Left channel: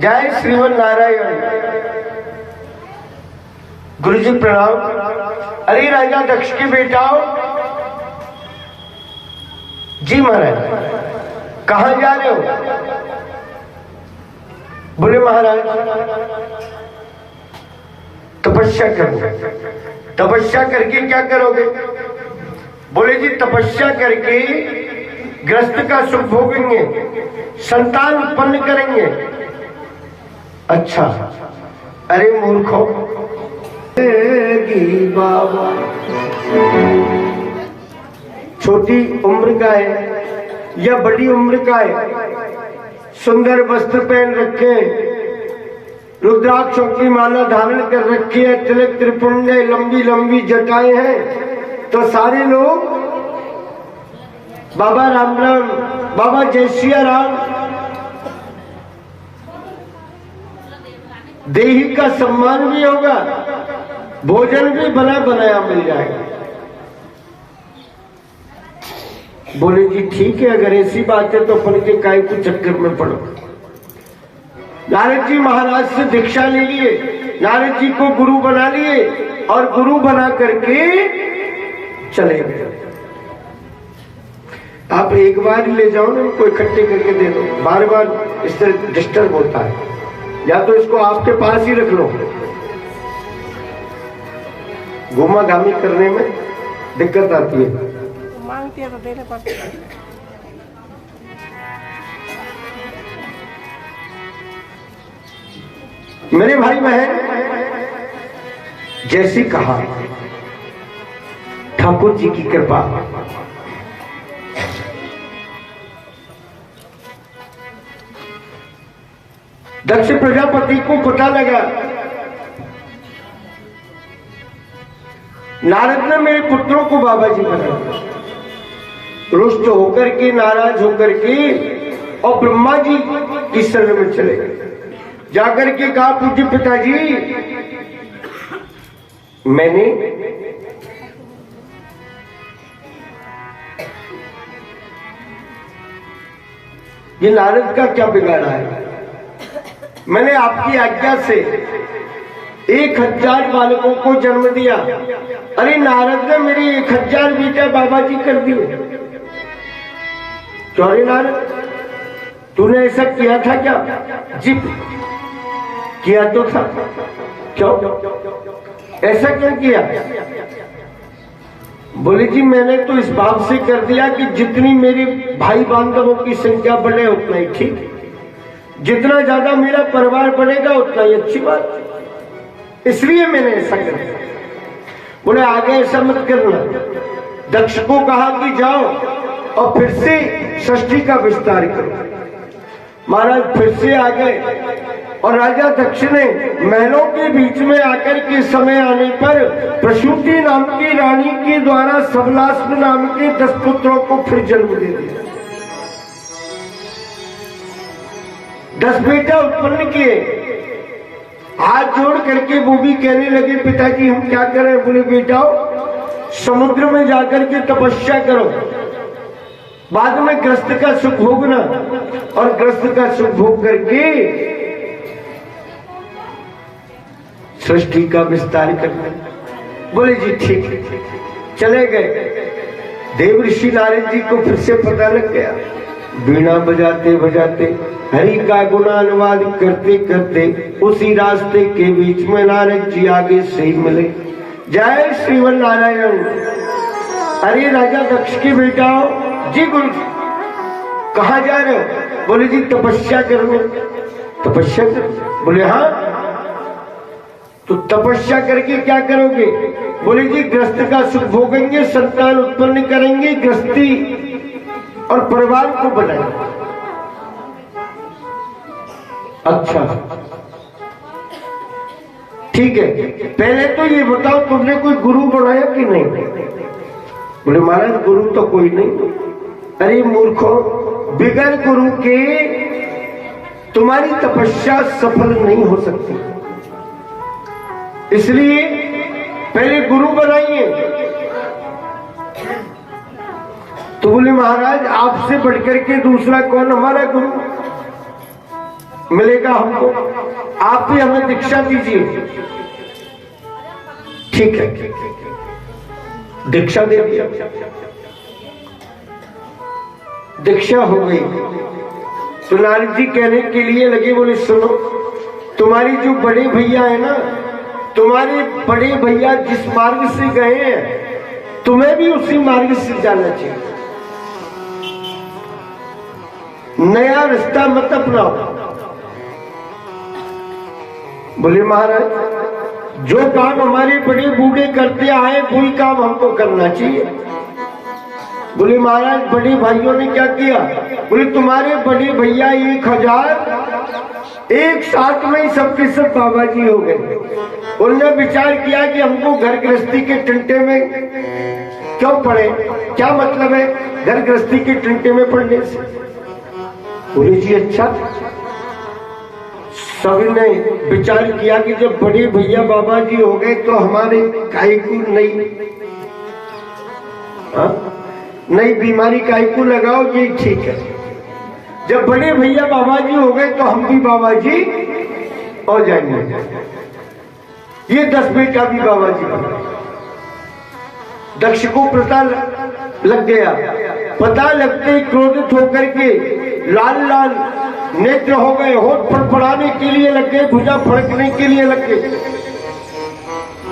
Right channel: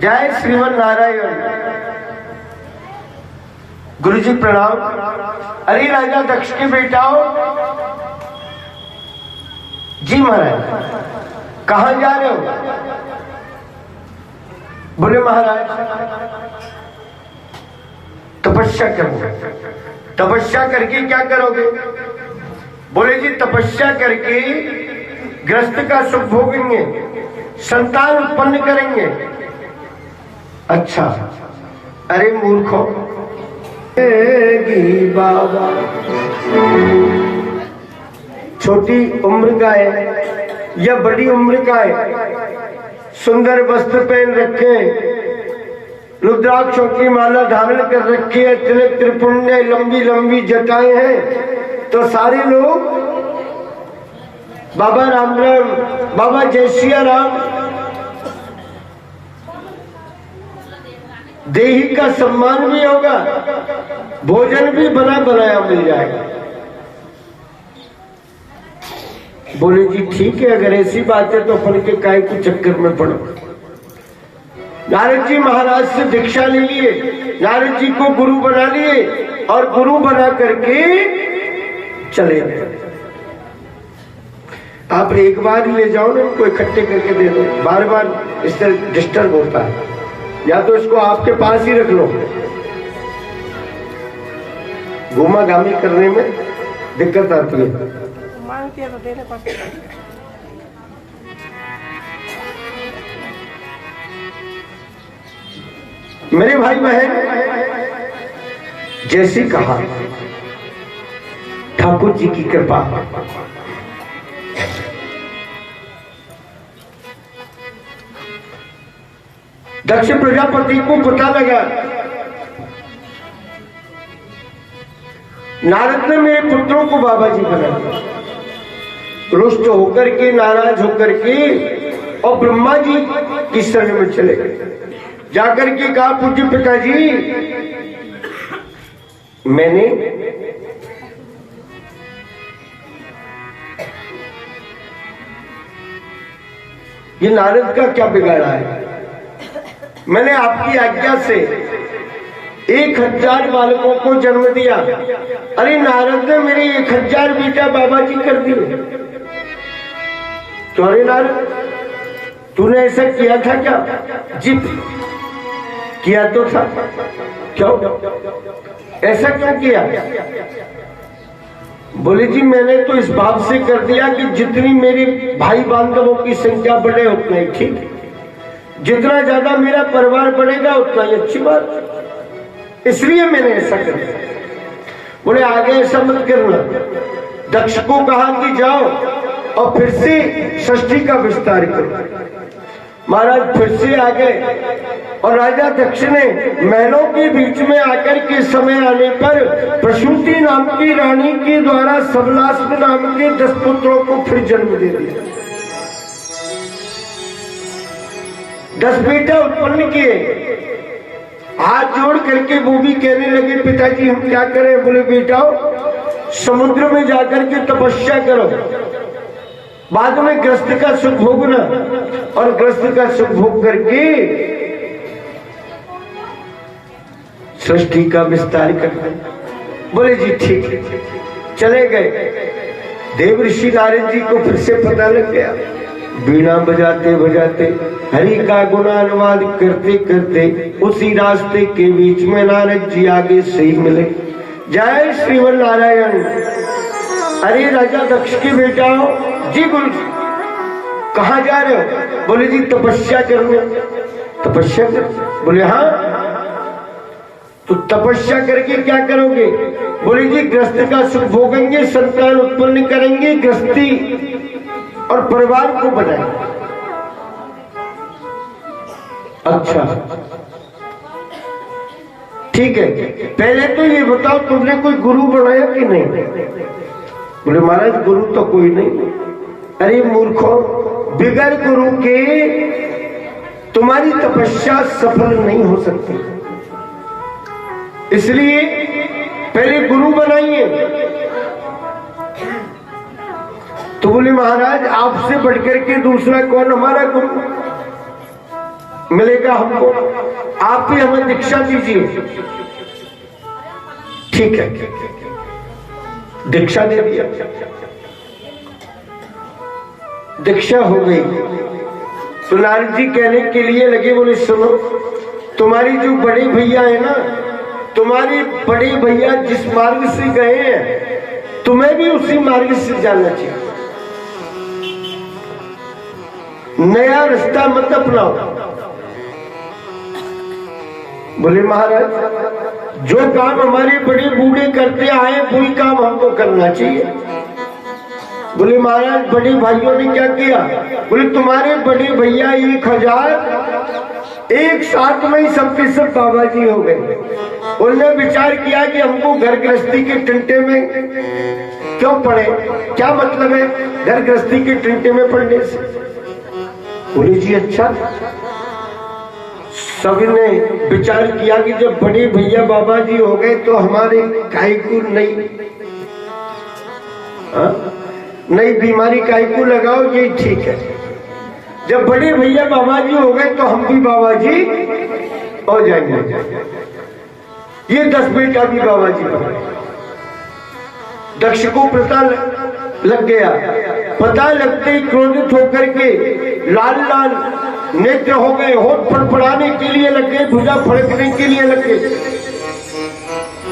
जय श्रीमन नारायण। गुरु जी प्रणाम। अरे राजा दक्ष के बेटाओ। जी महाराज। कहां जा रहे हो? बोले महाराज तपस्या करो। तपस्या करके क्या करोगे? बोले जी तपस्या करके ग्रस्त का सुख भोगेंगे, संतान उत्पन्न करेंगे। अच्छा। अरे मूर्खों, बाबा छोटी उम्र का है या बड़ी उम्र का है, सुंदर वस्त्र पहन रखे, रुद्राक्षों की माला धारण कर रखी है, तिलक त्रिपुण्य, लंबी लंबी जटाएं हैं, तो सारे लोग बाबा राम राम, बाबा जय सिया राम। देही का सम्मान भी होगा, भोजन भी बना बनाया मिल जाएगा। बोले जी ठीक है, अगर ऐसी बात है तो अपन के काय के चक्कर में पड़ो। नारद जी महाराज से दीक्षा ले लिए, नारद जी को गुरु बना लिए और गुरु बना करके चले गए। आप एक बार ही ले जाओ ना, इनको इकट्ठे करके दे दो, बार बार इस तरह डिस्टर्ब होता है। या तो इसको आपके पास ही रख लो, घूमा घामी करने में दिक्कत आती है। मांगती है तो देने पड़ते हैं। मेरे भाई बहन, जैसी कहा ठाकुर जी की कृपा, दक्ष प्रजापति को पता लगा नारद ने मेरे पुत्रों को बाबा जी बना दिया। रुष्ट होकर के, नाराज होकर के और ब्रह्मा जी की शरण में चले गए। जाकर के कहा पूज्य पिताजी, मैंने ये नारद का क्या बिगाड़ा है? मैंने आपकी आज्ञा से 1000 बालकों को जन्म दिया। अरे नारद ने मेरे 1000 बेटा बाबा जी कर दिए। तो अरे नारद, तूने ऐसा किया था क्या? जी किया तो था। क्यों? ऐसा क्यों किया? बोले जी मैंने तो इस बात से कर दिया कि जितनी मेरे भाई बांधवों की संख्या बढ़े उतना ही ठीक, जितना ज्यादा मेरा परिवार बढ़ेगा उतना ही अच्छी बात, इसलिए मैंने ऐसा कर दिया। बोले आगे ऐसा मत करना। दक्ष को कहा कि जाओ और फिर से सृष्टि का विस्तार करो। महाराज फिर से आ गए और राजा दक्ष ने महलों के बीच में आकर के समय आने पर प्रसूति नाम की रानी के द्वारा सबलास्म नाम के 10 पुत्रों को फिर जन्म दे दिया। 10 बेटा उत्पन्न किए। हाथ जोड़ करके वो भी कहने लगे पिताजी हम क्या करें? बोले बेटाओ समुद्र में जाकर के तपस्या करो, बाद में ग्रस्त का सुख भोगना, और ग्रस्त का सुख भोग करके सृष्टि का विस्तार करना। बोले जी ठीक है। चले गए। देव ऋषि नारद जी को फिर से पता लग गया। बीणा बजाते बजाते हरि का गुणानुवाद करते करते उसी रास्ते के बीच में नारद जी आगे से ही मिले। जय श्रीमन नारायण। अरे राजा दक्ष की बेटाओ। जी बोल, कहां जा रहे हो? बोले जी तपस्या करने। तपस्या कर? बोले हाँ। तो तपस्या करके क्या करोगे? बोले जी ग्रस्त का सुख भोगेंगे, संतान उत्पन्न करेंगे, गृहस्थी और परिवार को बनाएंगे। अच्छा ठीक है, पहले तो ये बताओ तुमने कोई गुरु बनाया कि नहीं? बोले महाराज गुरु तो कोई नहीं। अरे मूर्खों, बिगर गुरु के तुम्हारी तपस्या सफल नहीं हो सकती, इसलिए पहले गुरु बनाइए। तो बोले महाराज आपसे बढ़कर के दूसरा कौन हमारा गुरु? मिलेगा हमको, आप भी हमें दीक्षा दीजिए। ठीक है, दीक्षा दे दिया, दीक्षा हो गई। तो नारद जी कहने के लिए लगे, बोले सुनो, तुम्हारी जो बड़े भैया है ना, तुम्हारे बड़े भैया जिस मार्ग से गए हैं, तुम्हें भी उसी मार्ग से जाना चाहिए। नया रास्ता मत अपनाओ। बोले महाराज, जो काम हमारे बड़े बूढ़े करते आए वही काम हमको करना चाहिए। बोले महाराज, बड़े भाइयों ने क्या किया? बोले तुम्हारे बड़े भैया 1000 एक साथ में ही सबके सब बाबा जी हो गए। उन्होंने विचार किया कि हमको घर गृहस्थी के टंटे में क्यों पड़े, क्या मतलब है घर गृहस्थी के टंटे में पड़ने से? बोले जी अच्छा। सभी ने विचार किया कि जब बड़े भैया बाबा जी हो गए तो हमारे काहे को नई बीमारी काहे को लगाओ, ये ठीक है। जब बड़े भैया बाबा जी हो गए तो हम भी बाबा जी हो जाएंगे। ये 10 बेटा भी बाबा जी बना। दक्ष को पता लग गया। पता लगते ही क्रोधित होकर के लाल लाल नेत्र हो गए, होठ फड़फड़ाने के लिए लग गए, भुजा फड़कने के लिए लग गए।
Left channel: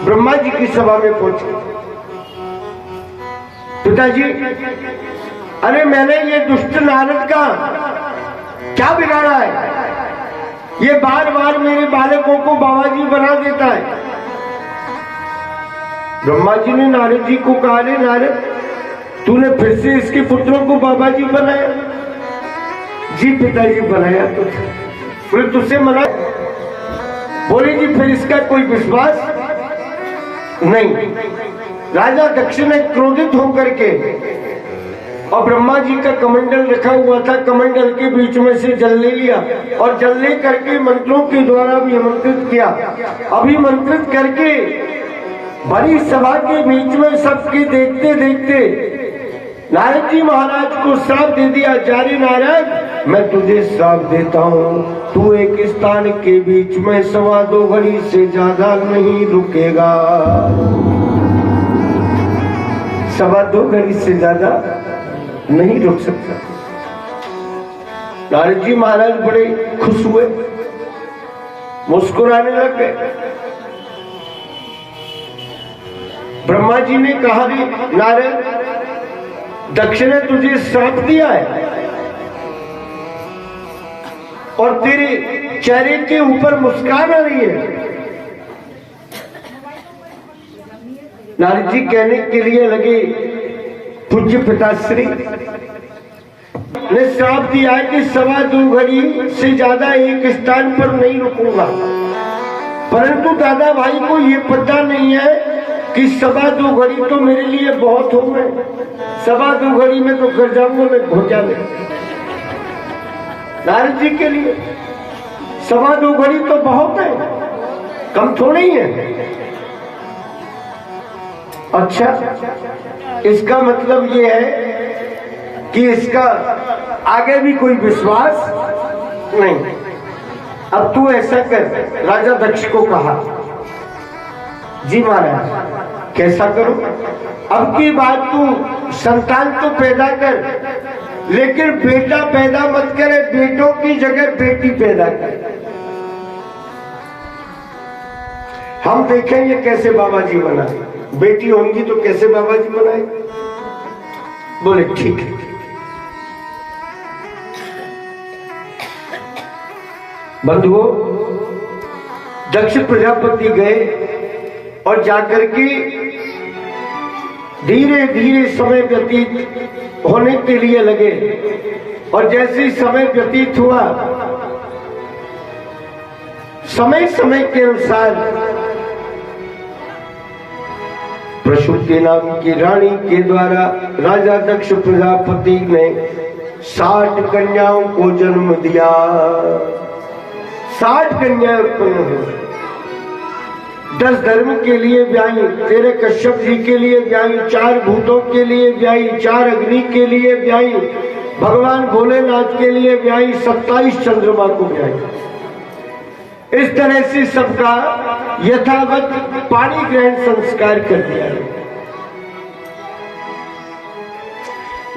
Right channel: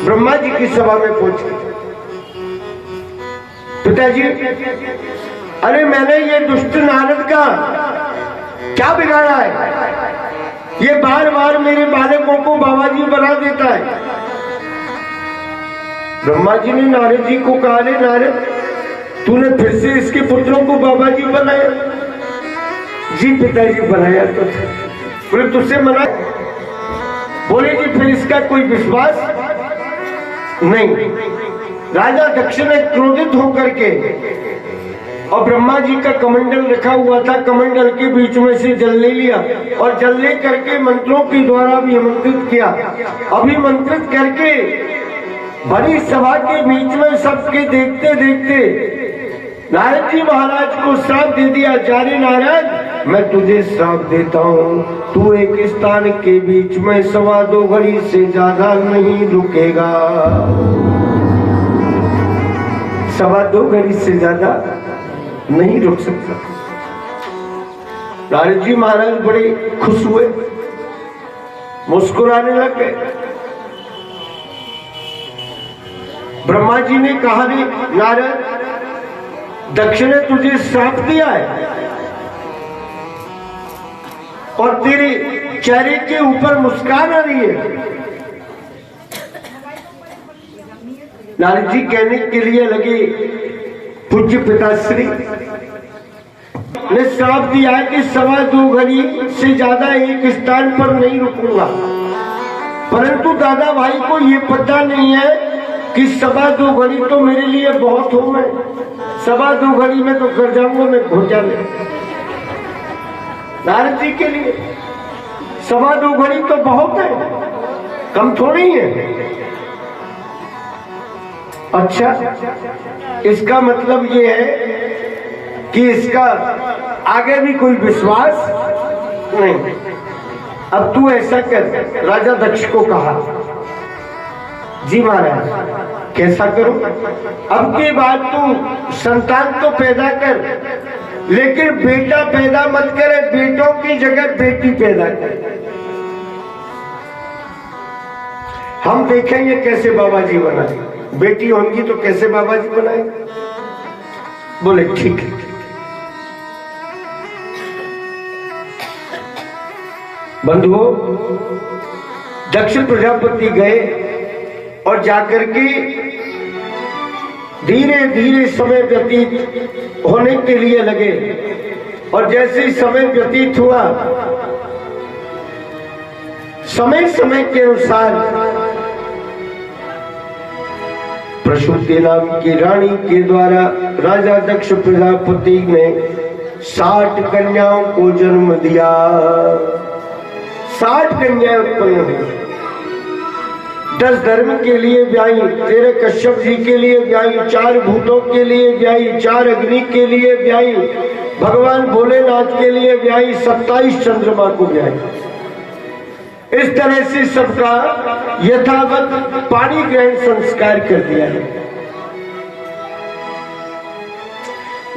ब्रह्मा जी की सभा में पहुंचे। पिताजी, अरे मैंने ये दुष्ट नारद का क्या बिगाड़ा है? ये बार बार मेरे बालकों को बाबा जी बना देता है। ब्रह्मा जी ने नारद जी को कहा, रे नारद, तूने फिर से इसके पुत्रों को बाबा जी बनाया? जी पिताजी बनाया तो था। बोले तुझसे मना? बोले जी फिर इसका कोई विश्वास नहीं। राजा दक्ष ने क्रोधित होकर के, और ब्रह्मा जी का कमंडल रखा हुआ था, कमंडल के बीच में से जल ले लिया और जल ले करके मंत्रों के द्वारा भी आमंत्रित किया। अभिमंत्रित करके बड़ी सभा के बीच में सबके देखते देखते नारद जी महाराज को श्राप दे दिया, जारे नारद, मैं तुझे श्राप देता हूँ, तू एक स्थान के बीच में 2.25 घड़ी से ज्यादा नहीं रुकेगा। 2.25 घड़ी से ज्यादा नहीं रुक सकता। नारद जी महाराज बड़े खुश हुए, मुस्कुराने लग गए। ब्रह्मा जी ने कहा, रे नारद, दक्ष ने तुझे श्राप दिया है और तेरे चेहरे के ऊपर मुस्कान आ रही है। नारद जी कहने के लिए लगे, पूज्य पिताश्री ने श्राप दिया है कि 2.25 घड़ी से ज्यादा एक स्थान पर नहीं रुकूंगा। परंतु दादा भाई को ये पता नहीं है कि 2.25 घड़ी तो मेरे लिए बहुत हो, मैं 2.25 घड़ी में तो कर जाऊंगा मैं घोटा में। नारद जी के लिए 2.25 घड़ी तो बहुत है, कम थोड़ी है। अच्छा, इसका मतलब ये है कि इसका आगे भी कोई विश्वास नहीं। अब तू ऐसा कर, राजा दक्ष को कहा। जी महाराज, कैसा करूं? अब की बात तू संतान तो पैदा कर, लेकिन बेटा पैदा मत करे, बेटों की जगह बेटी पैदा कर। हम देखेंगे कैसे बाबा जी बनाए। बेटी होंगी तो कैसे बाबा जी बनाए? बोले ठीक है। बंधुओं, दक्ष प्रजापति गए और जाकर के धीरे धीरे समय व्यतीत होने के लिए लगे। और जैसे ही समय व्यतीत हुआ, समय समय के अनुसार प्रसूति नाम की रानी के द्वारा राजा दक्ष प्रजापति ने 60 कन्याओं को जन्म दिया। 60 कन्याएं उत्पन्न हुई। 10 धर्म के लिए ब्याई, 13 कश्यप जी के लिए ब्याई, 4 भूतों के लिए ब्याई, 4 अग्नि के लिए ब्याई, भगवान भोलेनाथ के लिए ब्याई, 27 चंद्रमा को ब्याई। इस तरह से सबका यथावत पाणी ग्रहण संस्कार कर दिया है।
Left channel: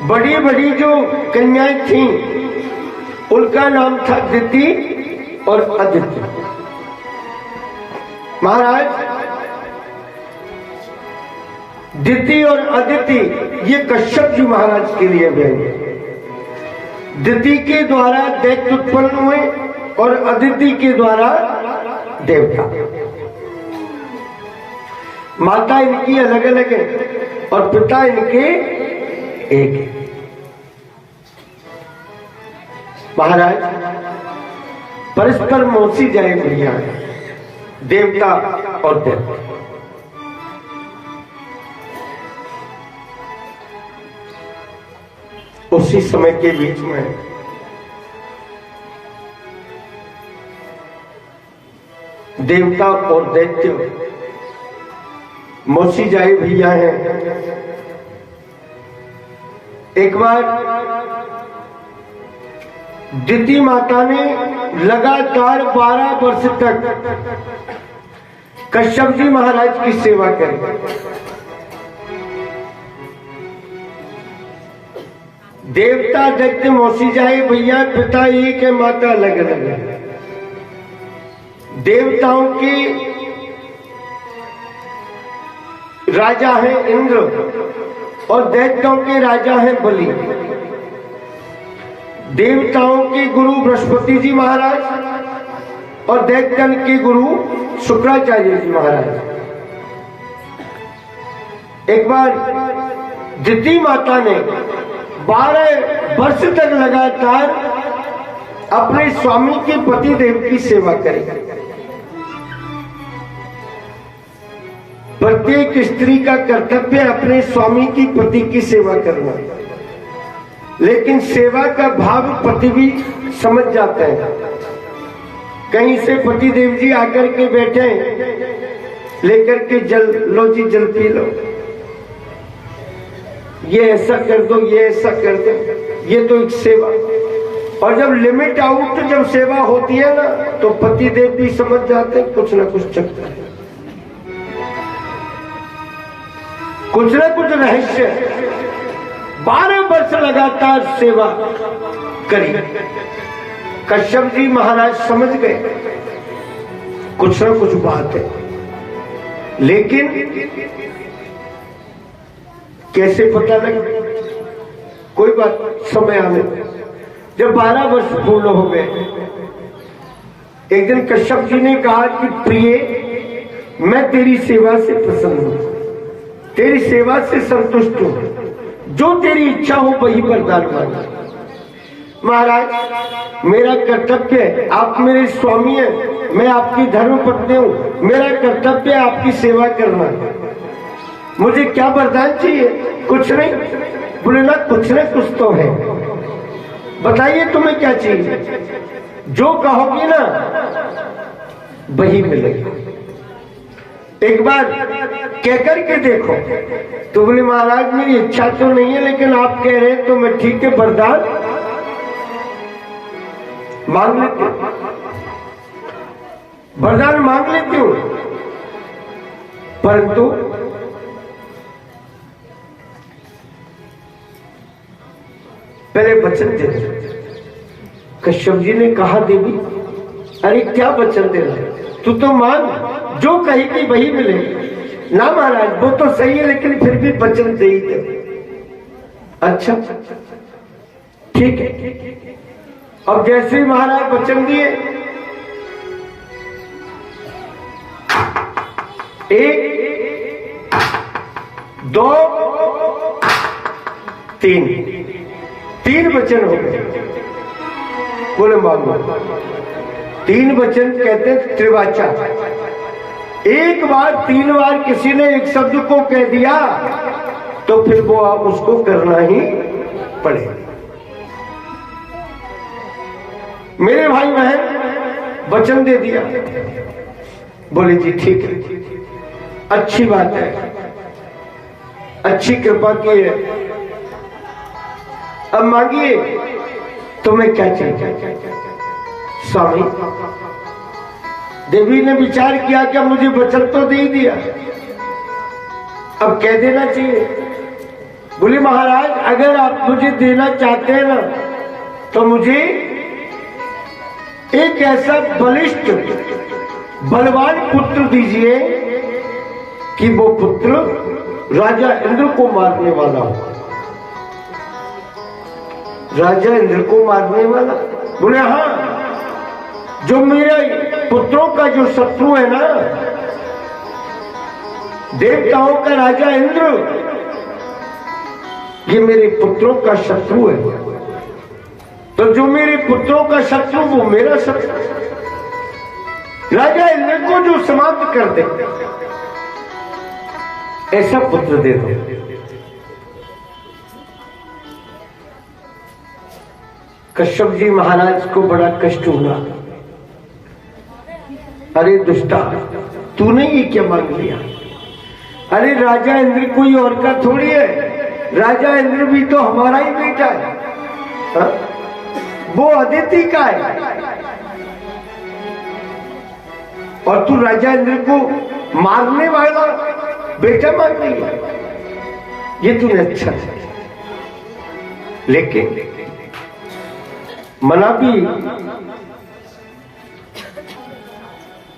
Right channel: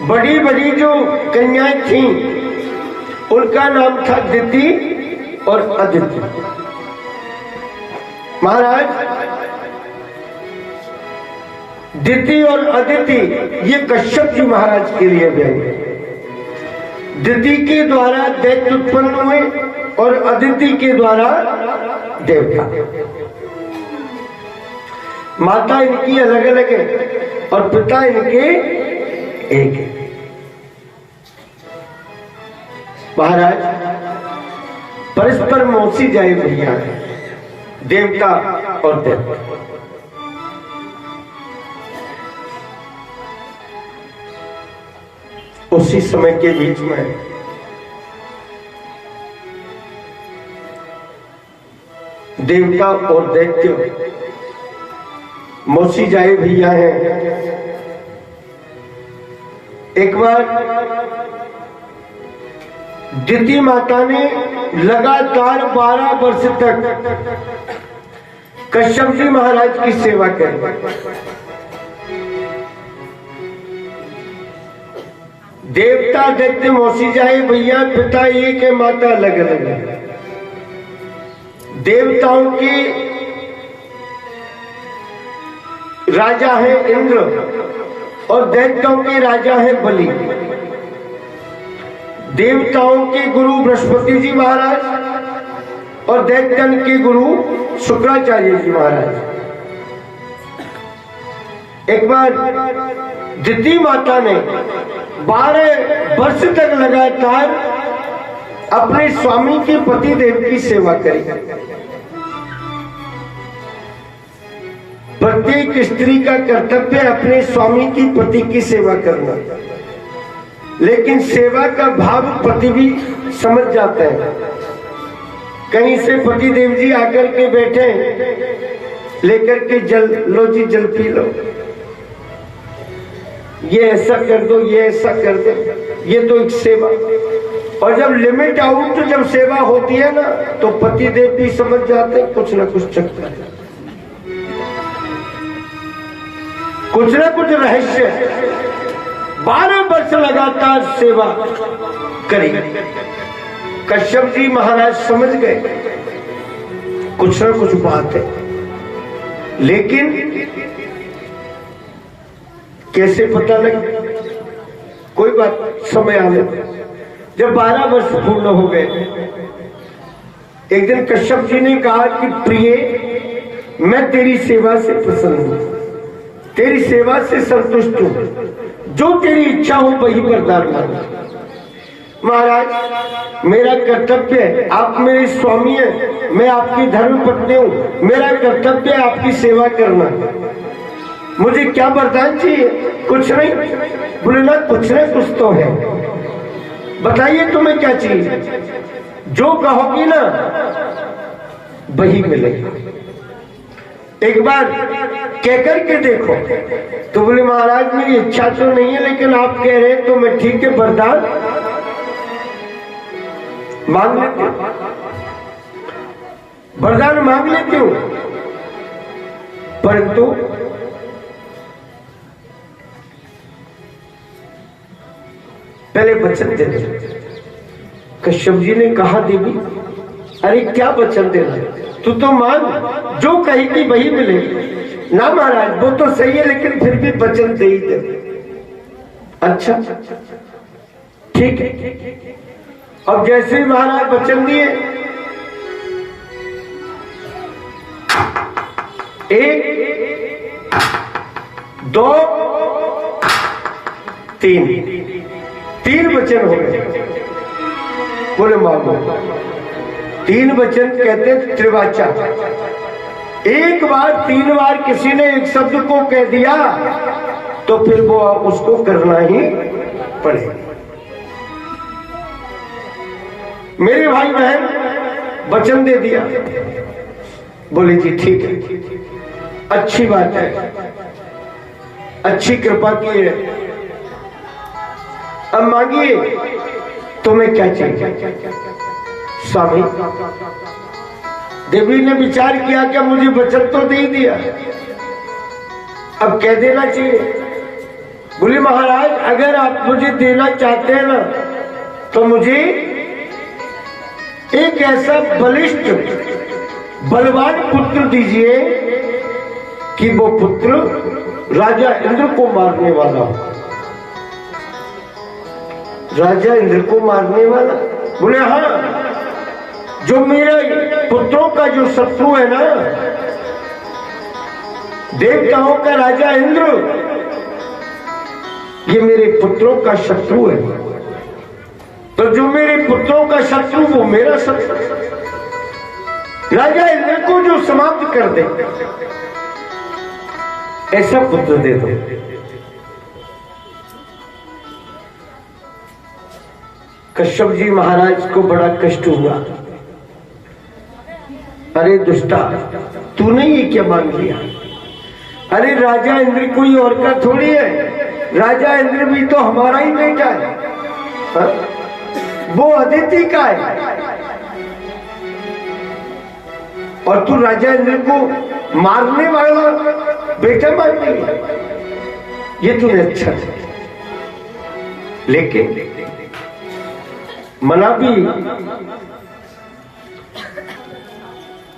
बड़ी बड़ी जो कन्याएं थीं उनका नाम था दिति और अदिति। महाराज दिति और अदिति ये कश्यप जी महाराज के लिए गए। दिति के द्वारा दैत्य उत्पन्न हुए और अदिति के द्वारा देवता। माता इनकी अलग अलग है और पिता इनके एक है। महाराज परस्पर मौसी जाए भैया, देवता और दैत्य। उसी समय के बीच में देवता और दैत्य मौसी जाए भैया हैं। एक बार दिति माता ने लगातार 12 वर्ष तक कश्यप जी महाराज की सेवा करी। देवता दैत्य मौसी जाए भैया, पिता एक है, माता अलग अलग है। देवताओं के राजा है इंद्र और दैत्यों के राजा है बलि। देवताओं के गुरु बृहस्पति जी महाराज और दैत्यन के गुरु शुक्राचार्य जी महाराज। एक बार दिति माता ने 12 वर्ष तक लगातार अपने स्वामी के पति देव की सेवा करी। प्रत्येक स्त्री का कर्तव्य अपने स्वामी की पति की सेवा करना, लेकिन सेवा का भाव पति भी समझ जाते हैं। कहीं से पति देव जी आकर के बैठे, लेकर के जल लो जी, जल पी लो, ये ऐसा कर दो, ये ऐसा कर दो, ये तो एक सेवा। और जब लिमिट आउट जब सेवा होती है ना, तो पति देव भी समझ जाते हैं कुछ ना कुछ चलता है, कुछ ना कुछ रहस्य। 12 वर्ष लगातार सेवा करी। कश्यप जी महाराज समझ गए कुछ ना कुछ बात है, लेकिन कैसे पता लगे? कोई बात, समय आने। जब 12 वर्ष पूर्ण हो गए, एक दिन कश्यप जी ने कहा कि प्रिय, मैं तेरी सेवा से प्रसन्न हूं, तेरी सेवा से संतुष्ट हूं, जो तेरी इच्छा हो वही वरदान मांग। महाराज मेरा कर्तव्य है, आप मेरे स्वामी हैं, मैं आपकी धर्म पत्नी हूं, मेरा कर्तव्य है आपकी सेवा करना। मुझे क्या वरदान चाहिए? कुछ नहीं। बोले ना कुछ तो है, बताइए तुम्हें क्या चाहिए? जो कहोगी ना वही मिलेगा। एक बार कहकर के देखो। तो बोले महाराज मेरी इच्छा तो नहीं है, लेकिन आप कह रहे हैं तो मैं ठीक है, वरदान मांग लेती हूं, वरदान मांग लेती हूं, परंतु पहले वचन दे दो। कश्यप जी ने कहा देवी, अरे क्या वचन देना, तू तो मांग, जो कहेगी वही मिलेगी। ना महाराज वो तो सही है, लेकिन फिर भी वचन दे ही दे। अच्छा ठीक है। अब जैसे ही महाराज वचन दिए, 1 2 3 वचन हो गए। बोले मांगो। 3 वचन कहते त्रिवाचा। एक बार 3 बार किसी ने एक शब्द को कह दिया तो फिर वो उसको करना ही पड़ेगा। मेरे भाई बहन वचन दे दिया। बोले जी ठीक है, अच्छी बात है, अच्छी कृपा की है। अब मांगिए तुम्हें क्या चाहिए? स्वामी देवी ने विचार किया कि मुझे वचन तो दे दिया, अब कह देना चाहिए। बोले महाराज अगर आप मुझे देना चाहते हैं ना तो मुझे एक ऐसा बलिष्ठ बलवान पुत्र दीजिए कि वो पुत्र राजा इंद्र को मारने वाला हो। राजा इंद्र को मारने वाला? बोले हाँ, जो मेरे पुत्रों का जो शत्रु है ना, देवताओं का राजा इंद्र, ये मेरे पुत्रों का शत्रु है, तो जो मेरे पुत्रों का शत्रु वो मेरा शत्रु, राजा इंद्र को जो समाप्त कर दे ऐसा पुत्र दे दो। कश्यप जी महाराज को बड़ा कष्ट हुआ। अरे दुष्टा, तूने ये क्या मांग लिया? अरे राजा इंद्र कोई और का थोड़ी है, राजा इंद्र भी तो हमारा ही बेटा है, हा? वो अदिति का है, और तू राजा इंद्र को मारने वाला बेटा मांग लिया। ये तूने अच्छा है, लेकिन मना भी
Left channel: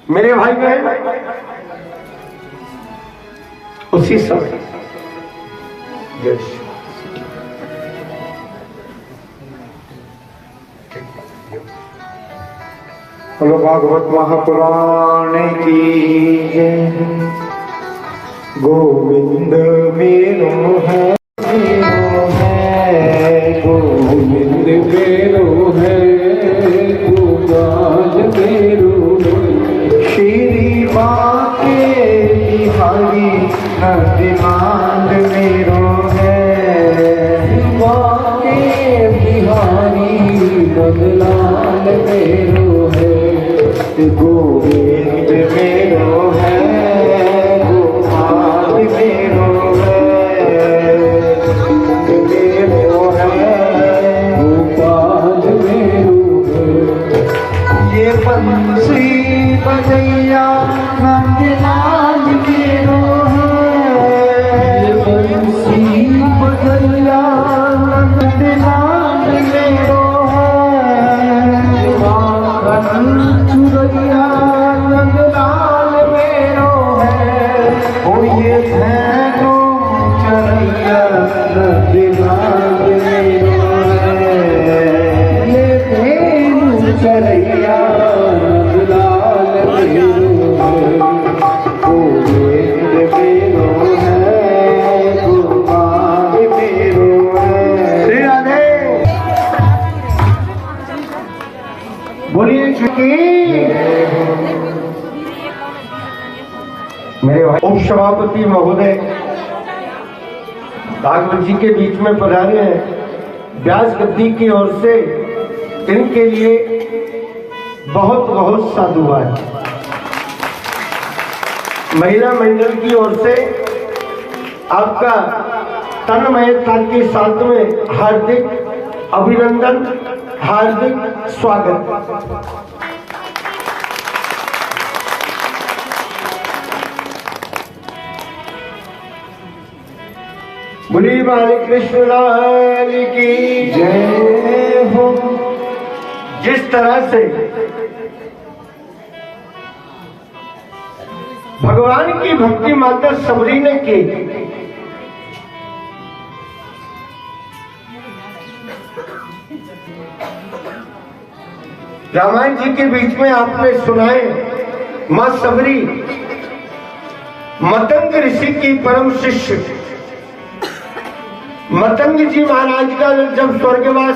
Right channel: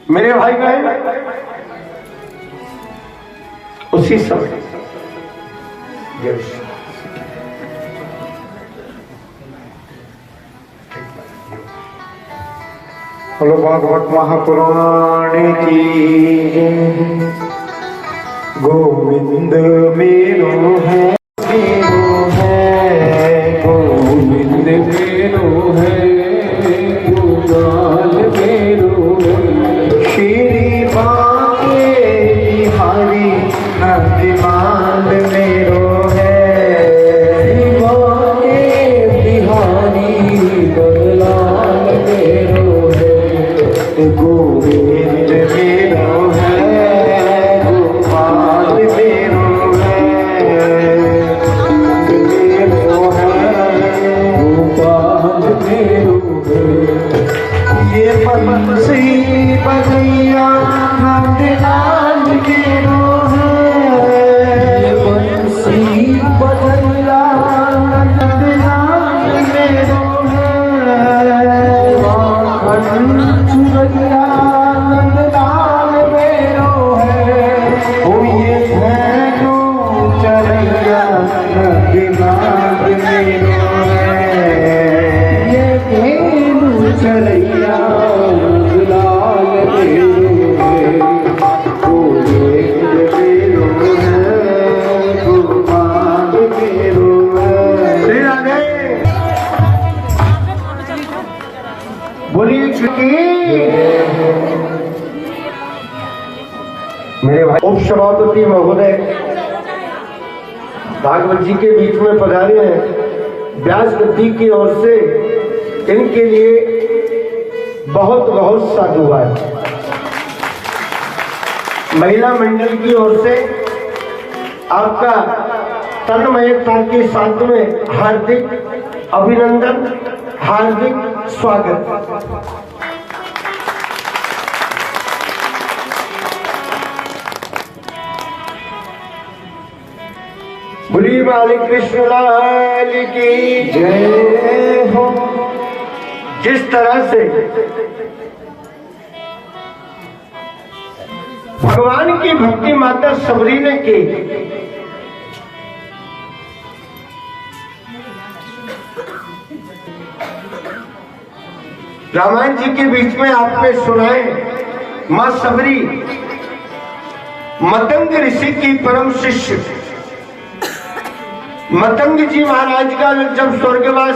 मेरे भाई बहन उसी समय बोलो भागवत महापुराण की जय। गोविंद मेरो है, मेरो है, गोविंद मेरो है, गोपाल मेरो है, श्री बाके बिहारी नंदलाल मेरो है, श्री बाके बिहारी नंदलाल मेरो है, गोविंद मेरो है, गोपाल मेरो है, मेरो है, गोपाल मेरो है, ये बंसी बजैया नंदलाल मेरो है, ये बंसी बजैया नंदलाल मेरो है, चुरैया नंदलाल मेरो है, ओ ये धैनो चरैया नंदलाल मेरो है, ये धैनो चरैया नंदलाल मेरो है, गोविंद मेरो है, गोपाल मेरो है। श्री राधे बोलिए छुट्टी। मेरे भाई उप सभापति महोदय भागवत जी के बीच में पधारे हैं, व्यास गद्दी की ओर से इनके लिए बहुत बहुत साधुवाद। महिला मंडल की ओर से आपका तन्मयता के साथ में हार्दिक अभिनंदन, हार्दिक स्वागत। बोली बाली कृष्ण लाल की जय हो। जिस तरह से भगवान की भक्ति माता सबरी ने की, रामायण जी के बीच में आपने सुनाए, मां सबरी मतंग ऋषि की परम शिष्य, मतंग जी महाराज का जब स्वर्गवास